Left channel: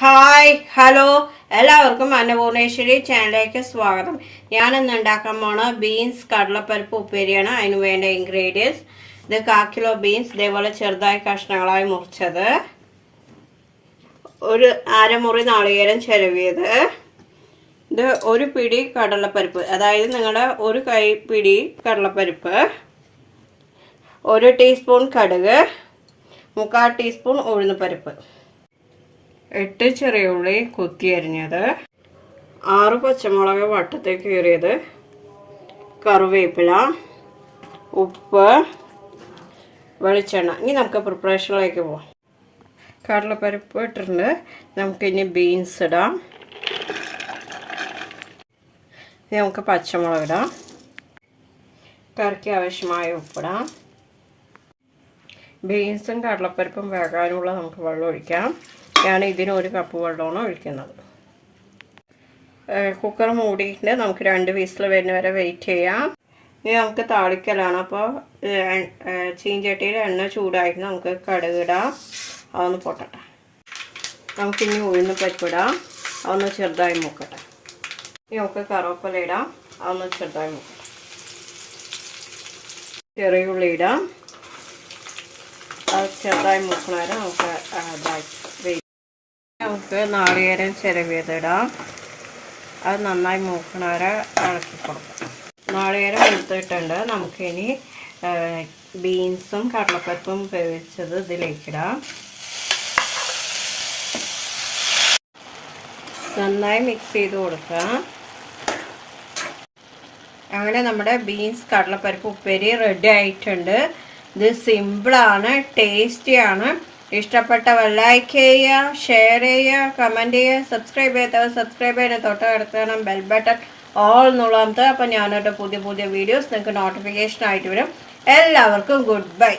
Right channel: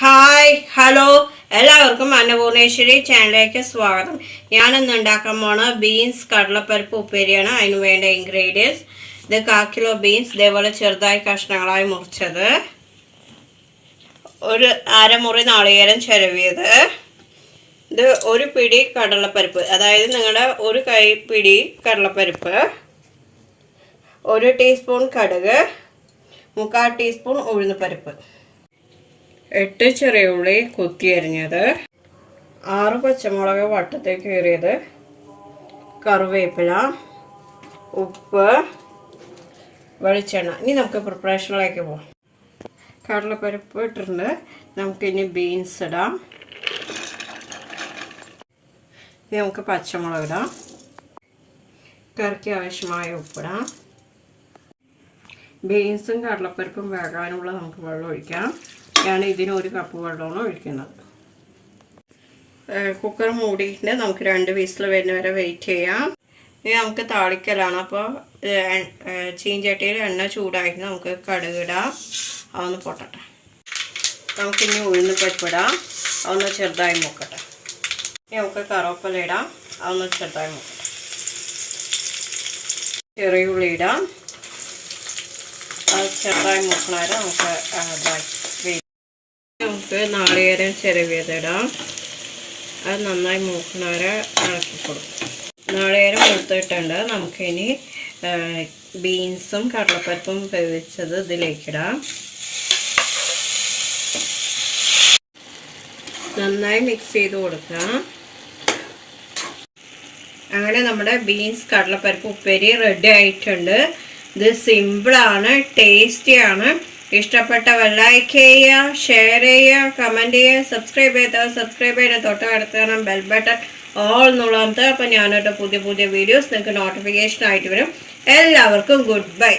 Hi hello എല്ലാവർക്കും അന്നപൂർണേശ്വരി ചാനലിലേക്ക് സ്വാഗതം. ഞാനിന്ന് ഉണ്ടാക്കാൻ പോണ ബീൻസ് കടലപ്പരിപ്പ് ഉപ്പേരിയാണ്. അതിന് വേണ്ട ഇൻഗ്രീഡിയൻസ്: ഇത് 1/4 കിലോ ബീൻസ് ഇതേപോലെ ചെറുതായി കഷ്ണങ്ങളായി മുറിച്ചത്, ഒരു അരമുറി നാളികേരം ചിരവിയത്, ഇത് ഒരു പിടി കടലപ്പരിപ്പ്, അതായത് നിങ്ങളുടെ ഒരു കൈപ്പിടി കടലപ്പരിപ്പ്, 1 ടീസ്പൂൺ കടുക്, 3/4 ടീസ്പൂൺ ഉഴുന്നുപരിപ്പ്, 8 ചെറിയ ഉള്ളി കൊത്തിയരിഞ്ഞത്, 6 പച്ചമുളക് വട്ടത്തിൽ കീറിയത്, കറിവേപ്പില, ഉപ്പ്, വെളിച്ചെണ്ണ. ഇനി നമുക്ക് പ്രിപ്പറേഷനിലേക്ക് പോകാം. കടലപ്പരിപ്പ് ഇട്ടിട്ടുണ്ട്. നമുക്കിനി ബീൻസ് ഇടാം. ഇനി നമുക്ക് പച്ചമുളക് ഇടാം. കറിക്ക് ആവശ്യമായ ഉപ്പിടാം. ബീൻസും കടലപ്പരിപ്പും വേകാനുള്ള നമുക്ക് വെള്ളം ഒഴിക്കാം. ഞാൻ ഇതിന് 1 കപ്പ് വെള്ളമാണ് ഒഴിക്കുന്നത്. കുക്കർ മൂടിയിട്ട് നമുക്ക് 2 വിസിൽ വരുന്ന വരെ വെയിറ്റ് ചെയ്യാം. ഇനി നമുക്ക് താളിക്കലാണ്. അപ്പോൾ ചീഞ്ചട്ടിയിൽ എണ്ണ ചൂടായിട്ട് നമുക്ക് കടുക് ഇടാം. അതൊന്ന് പൊട്ടട്ടെ. നമുക്കിനി ഉഴുന്ന് പരിപ്പിടാം. അതൊന്ന് ചെറുതായി മൂക്കട്ടെ. ഇനി നമുക്ക് കറിവേപ്പില ഇടാം. അതൊന്ന് ചെറുതായി മൂക്കട്ടെ. ചെറിയ ഉള്ളി ഇടാം. അത് ചെറുതായി മൂക്കണവരെ നമുക്ക് നമുക്ക് നാളികേരം ചിരവിയതിടാം. അത് നന്നായി മൂക്കണവരെ ഇളക്കി കൊടുക്കും. നാളികേരം മൂത്തിട്ടുണ്ട്. നമുക്കിനി ബീൻസും കടലപ്പരിപ്പും വേവിച്ചത് ഇതിലേക്കിടാം. നന്നായി മിക്സ് ചെയ്ത് കൊടുക്കാം. അങ്ങനെ നമ്മുടെ ബീൻസ് കടലപ്പരിപ്പ് ഉപ്പേരി റെഡി ആയിട്ടുണ്ട്. ഇത് സിമ്പിളാണ്, ടേസ്റ്റിയാണ്. ഇഷ്ടപ്പെട്ടവർ ലൈക്ക് ചെയ്യുക, ഷെയർ ചെയ്യുക, കമൻറ്റ് ചെയ്യുക. സബ്സ്ക്രൈബ് ചെയ്യാത്തവർ സബ്സ്ക്രൈബ് ചെയ്യാൻ തൊട്ടടുത്ത് ബെൽ ബട്ടൺ ഓൾ എന്നുള്ളത്. അപ്പോൾ ഞാനൊരു പുതിയ വീഡിയോസ് നിങ്ങൾക്ക് നോട്ടിഫിക്കേഷൻ ആയിട്ട് വരും. എല്ലാവർക്കും ഗുഡ് ബൈ.